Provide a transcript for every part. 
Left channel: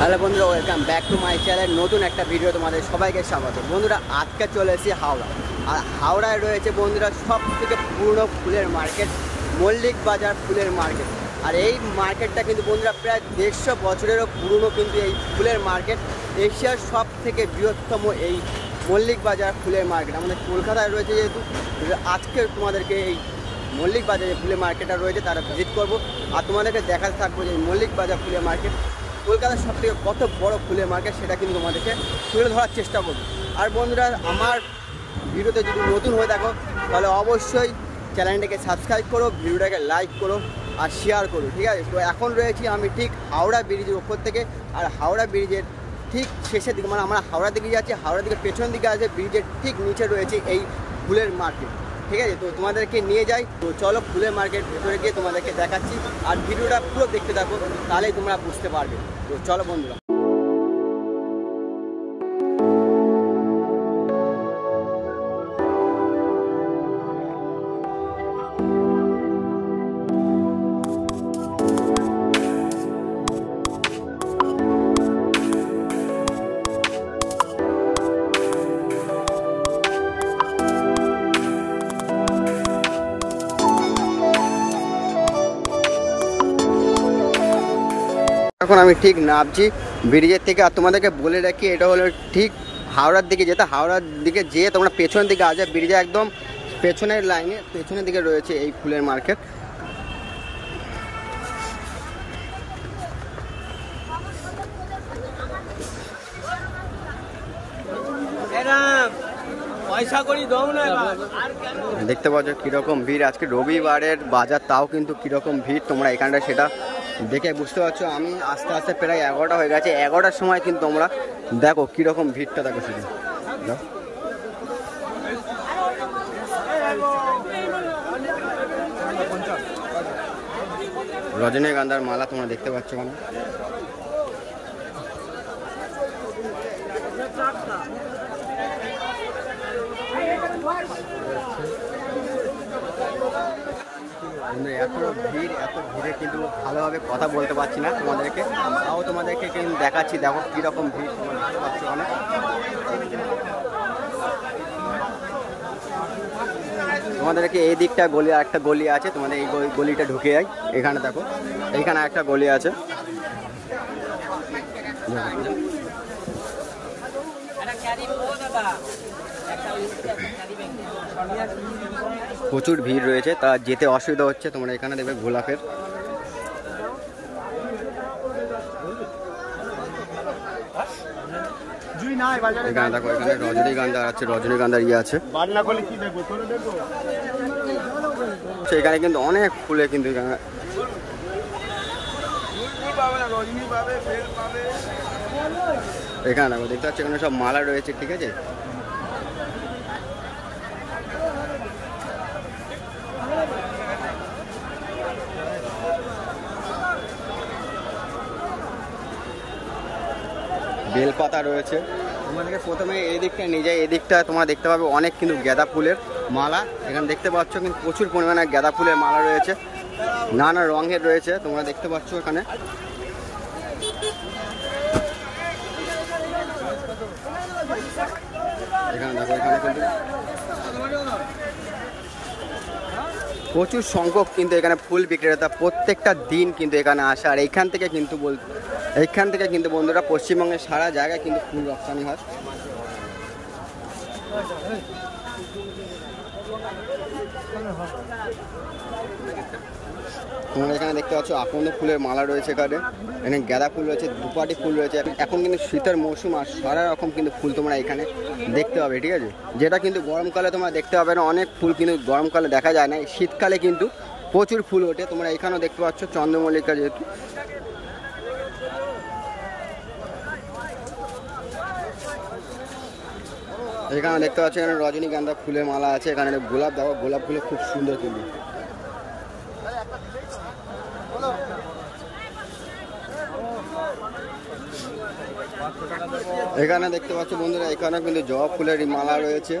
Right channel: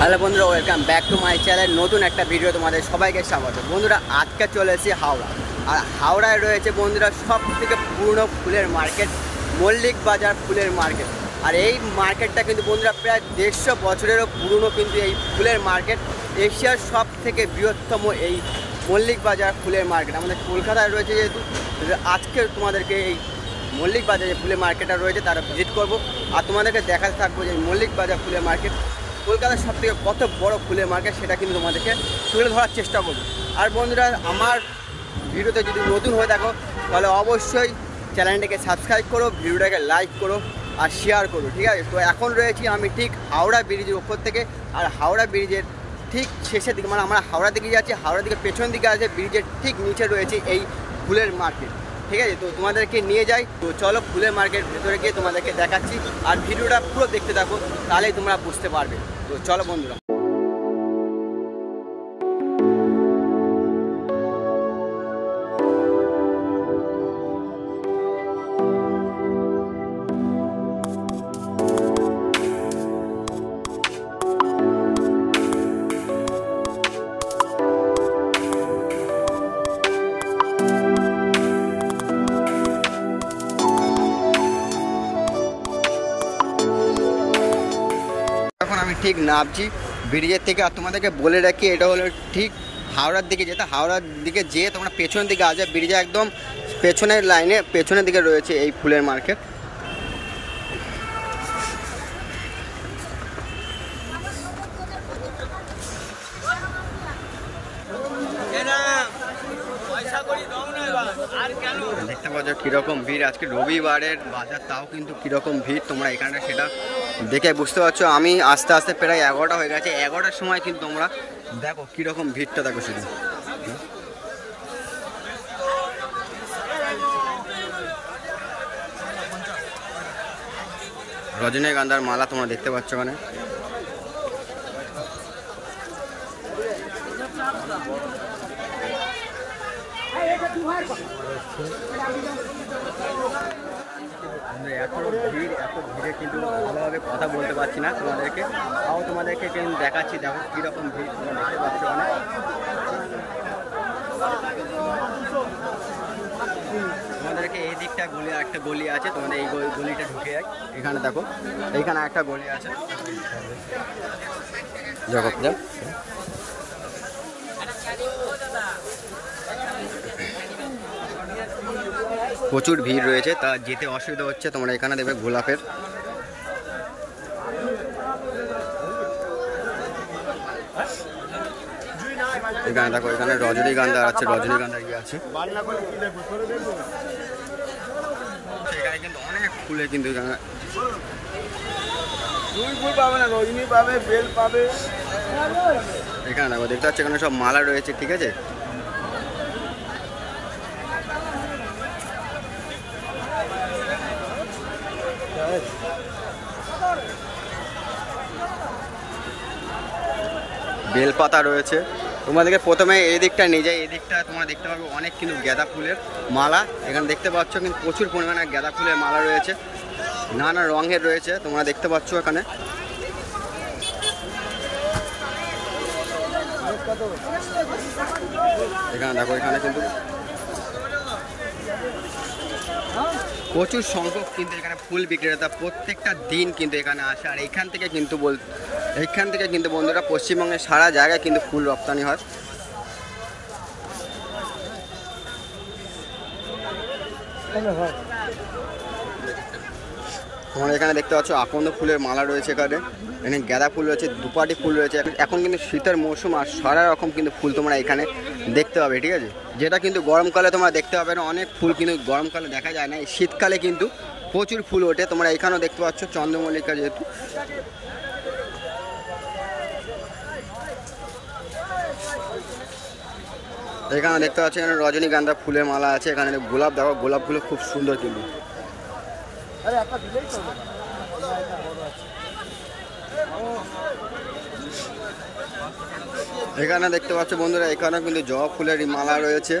Hello বন্ধুরা, welcome back to my channel. নতুন একটা ভিডিও তোমাদের সবাইকে স্বাগত। বন্ধুরা, আজকে চলে এসেছি হাওড়া। আর হাওড়ায় রয়েছে বন্ধুরা সব থেকে পুরনো ফুলের মার্কেট, মল্লিক বাজার ফুলের মার্কেট। আর এই মার্কেটটা কিন্তু বন্ধুরা প্রায় 150 বছরেরও পুরনো কিন্তু এই ফুলের মার্কেট। এশিয়ার সব থেকে বৃহত্তম এই মল্লিক বাজার ফুলের মার্কেট আমাদের কলকাতায় রয়েছে। যেহেতু আজকে তোমাদেরকে এই মল্লিক বাজারে ফুলের মার্কেটটা রয়েছে তারা ভিজিট করব আর তোমাদেরকে দেখাতে থাকবো যে মল্লিক বাজার ফুলের মার্কেট কলকাতার সব থেকে কত বড় ফুলের মার্কেট সেটা কিন্তু তোমাদেরকে তুলে ধরার চেষ্টা করবো। আর বন্ধুরা, আমার ভিডিওতে যদি নতুন হয়ে থাকো তাহলে অবশ্যই চ্যানেলটাকে সাবস্ক্রাইব করো, ভিডিওটাকে লাইক করো আর শেয়ার করো, ঠিক আছে? তো এখন রয়েছি আমি ঠিক হাওড়া ব্রিজের ওপর থেকে। আর হাওড়া ব্রিজের ঠিক শেষের দিকে, মানে আমরা হাওড়া দিকে যাচ্ছি, হাওড়া দিকে পেছন দিকে আছে ব্রিজের ঠিক নিচে রয়েছে এই ফুলের মার্কেট, ঠিক আছে? তো তোমাদেরকে নিয়ে যাই। তো চলো ফুলের মার্কেট ভেতরে গিয়ে তোমাদেরকে দেখাচ্ছি আর ভিডিওটা পুরো দেখতে থাকো, তাহলেই তোমরা বুঝতে পারবে। তো চলো বন্ধুরা। এখন আমি ঠিক নামছি ব্রিজের থেকে। আর তোমাদেরকে বলে রাখি, এটা হলো ঠিক হাওড়ার দিকে যেতে, হাওড়ার দিকে যেয়ে তোমরা পেছন দিকে আসবে, ব্রিজে একদম পেছনের লাইনে পেছনের দিকে রয়েছে এই ফুলের মার্কেট। দেখতে পাচ্ছ কিরকম ভিড়, আজকে রবিবারের বাজার, তাও কিন্তু কিরকম ভিড় তোমরা এখানটা সেটা দেখে বুঝতে পারছো। আমি আস্তে আস্তে প্রায় 11টা হয়ে গেছে, 11টার সময় কিন্তু তোমরা দেখো কিরকম ভিড়টা দেখো শুধু। রজনীগন্ধার মালা তোমরা দেখতে পাচ্ছ ওখানে। এত ভিড়ে কিন্তু ভালোভাবে কথা বলতে পারছি না তোমাদেরকে, তাও তোমাদেরকে কিন্তু দেখাচ্ছি। দেখো কীরকম ভিড় তোমরা দেখতে পাচ্ছ ওখানে। তোমাদেরকে এই দিকটা গলি, একটা গলি আছে, তোমাদের এই গলিটা ঢুকে যায়। এখানে দেখো, এইখানে একটা গলি আছে জগৎপুর। প্রচুর ভিড় রয়েছে, তা যেতে অসুবিধা হচ্ছে। তোমরা এখানে দেখবে গোলাপের এখানে দেখো, এখানে রজনীগন্ধা আছে, রজনীগন্ধার ইয়ে আছে। সেখানে কিন্তু অনেক ফুলে কিন্তু এখানে দেখো দেখতে পাচ্ছ, এখানে সব মালা রয়েছে, ঠিক আছে? বেলপাতা রয়েছে। তোমাদেরকে প্রথমে এই দিকটা নিয়ে যাই, এই দিকটা তোমরা দেখতে পাবে অনেক কিন্তু গাঁদা ফুলের মালা এখানে দেখতে পাচ্ছ, কিন্তু প্রচুর পরিমাণে গাঁদা ফুলের মালা রয়েছে, নানা রঙের রয়েছে, তোমরা দেখতে পাচ্ছ এখানে। এখানে দেখো, এখানে কিন্তু প্রচুর সংখ্যক কিন্তু এখানে ফুল বিক্রেতা প্রত্যেকটা দিন কিন্তু এখানে আসে। আর এইখান থেকে কিন্তু বন্ধুরা পশ্চিমবঙ্গের সারা জায়গায় কিন্তু ফুল রপ্তানি হয়। তোমরা এখানে দেখতে পাচ্ছ আকন্দ ফুলের মালা রয়েছে, এখানে গাঁদা ফুল রয়েছে, দুপাটি ফুল রয়েছে। এখন কিন্তু শীতের মৌসুম আর সারা রকম কিন্তু ফুল তোমরা এখানে দেখতে পাবে, ঠিক আছে? যেটা কিন্তু গরমকালে তোমরা দেখতে পাবে না, অনেক ফুল কিন্তু গরমকালে দেখা যায় না, শীতকালে কিন্তু প্রচুর ফুল ওঠে। তোমরা এখানেও দেখতে পাচ্ছ চন্দ্রমল্লিকা, যেহেতু এখানে দেখতে পাচ্ছ এখানে রজনীগন্ধা ফুলের মালা আছে। এখানে গোলাপ দেখো, গোলাপগুলো খুব সুন্দর কিন্তু। এখানে দেখতে পাচ্ছ বন্ধুরা, এখানে কিন্তু জবা ফুলের মালা রয়েছে।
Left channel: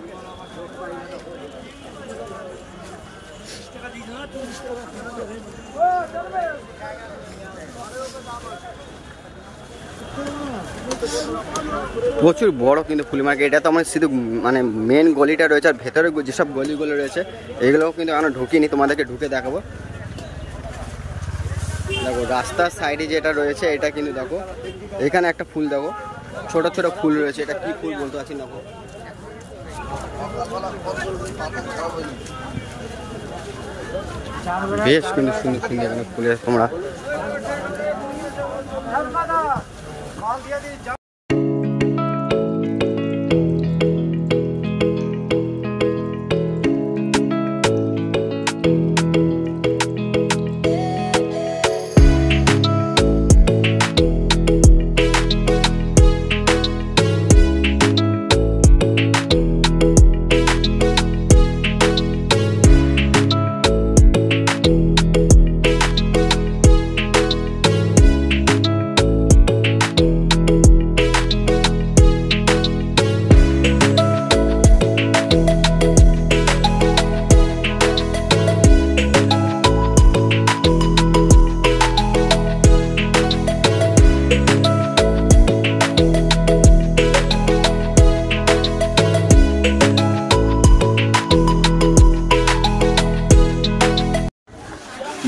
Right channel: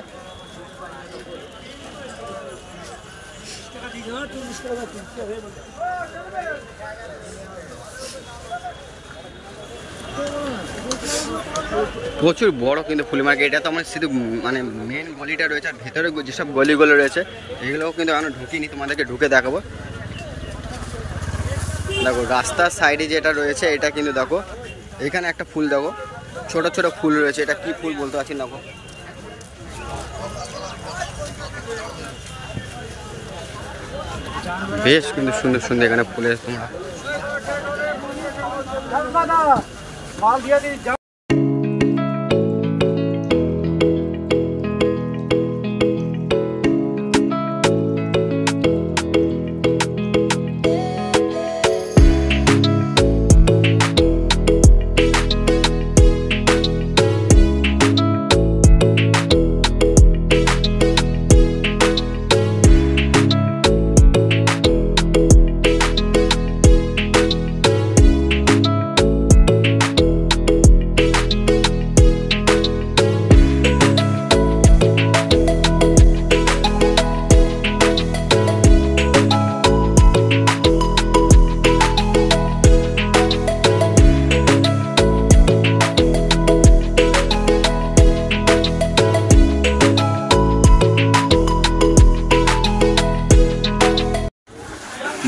প্রচুর বড় কিন্তু ফুল মার্কেট। এটা তো আমার শুধু মানে মেন গলিটা রয়েছে, আর ভেতরে যেসব গলিগুলো রয়েছে এগুলোও কিন্তু এখনো ঢুকিনি, তোমাদেরকে ঢুকে দেখাবো। দেখো রাস্তার সাইডে যেটা রয়েছে এটা কিন্তু দেখো এখানে একটা ফুল দেখো, ছোট ছোট ফুল রয়েছে। এটা কি ফুল বলতে পারছি না, দেখো বেশ কিন্তু সুন্দর সুন্দর এখানে ফুলের তোমরা।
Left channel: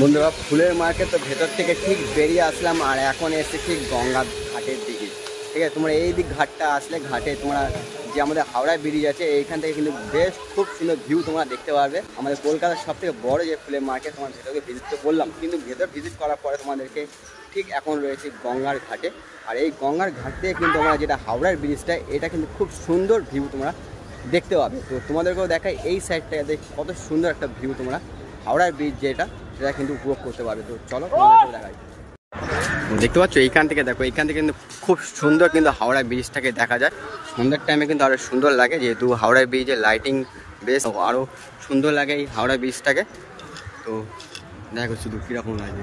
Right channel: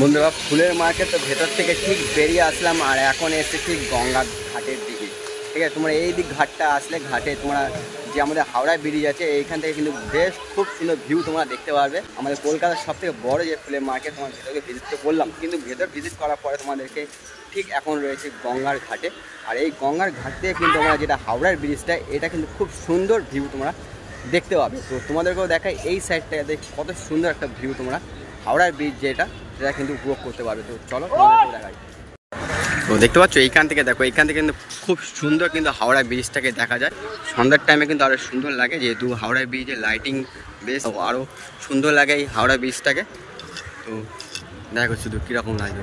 বন্ধুরা ফুলের মার্কেট তো ভেতর থেকে ঠিক বেরিয়ে আসলাম, আর এখন এসে ঠিক গঙ্গার ঘাটের দিকে। ঠিক আছে, তোমরা এই দিক ঘাটটা আসলে ঘাটে তোমরা যে আমাদের হাওড়া ব্রিজ আছে এইখান থেকে কিন্তু বেশ খুব সুন্দর ভিউ তোমরা দেখতে পারবে। আমাদের কলকাতার সব থেকে বড় যে ফুলের মার্কেট, তোমার ভেতরকে ভিজিট তো করলাম, কিন্তু ভেতর ভিজিট করার পরে তোমাদেরকে ঠিক এখন রয়েছে গঙ্গার ঘাটে। আর এই গঙ্গার ঘাট থেকে কিন্তু তোমরা যেটা হাওড়ার ব্রিজটা, এটা কিন্তু খুব সুন্দর ভিউ তোমরা দেখতে পাবে। তো তোমাদেরকেও দেখায় এই সাইডটাতে কত সুন্দর একটা ভিউ তোমরা হাওড়ার ব্রিজ যেটা সেটা কিন্তু উপভোগ করতে পারবে। তো চলো তোমাদেরকেও দেখাই। তো দেখতে পাচ্ছ এইখান থেকে দেখো, এইখান থেকে কিন্তু খুব সুন্দর কিন্তু হাওড়া ব্রিজটাকে দেখা যায়। সন্ধ্যার টাইমে কিন্তু আরও সুন্দর লাগে, যেহেতু হাওড়া ব্রিজের লাইটিং বেশ আরও সুন্দর লাগে এই হাওড়া ব্রিজটাকে। তো দেখো শুধু কীরকম লাগে।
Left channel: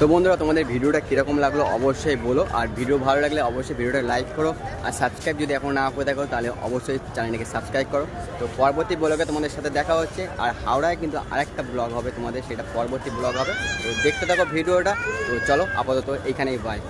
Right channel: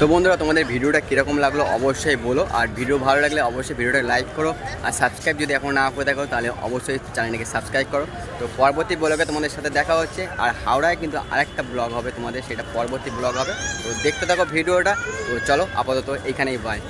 তো বন্ধুরা তোমাদের ভিডিওটা কীরকম লাগলো অবশ্যই বলো, আর ভিডিও ভালো লাগলে অবশ্যই ভিডিওটা লাইক করো, আর সাবস্ক্রাইব যদি এখন না করে থাকো তাহলে অবশ্যই চ্যানেলটাকে সাবস্ক্রাইব করো। তো পরবর্তী ব্লগে তোমাদের সাথে দেখা হচ্ছে, আর হাওড়ায় কিন্তু আরেকটা ব্লগ হবে তোমাদের, সেটা পরবর্তী ব্লগ হবে। তো দেখতে থাকো ভিডিওটা। তো চলো আপাতত এইখানেই বাই।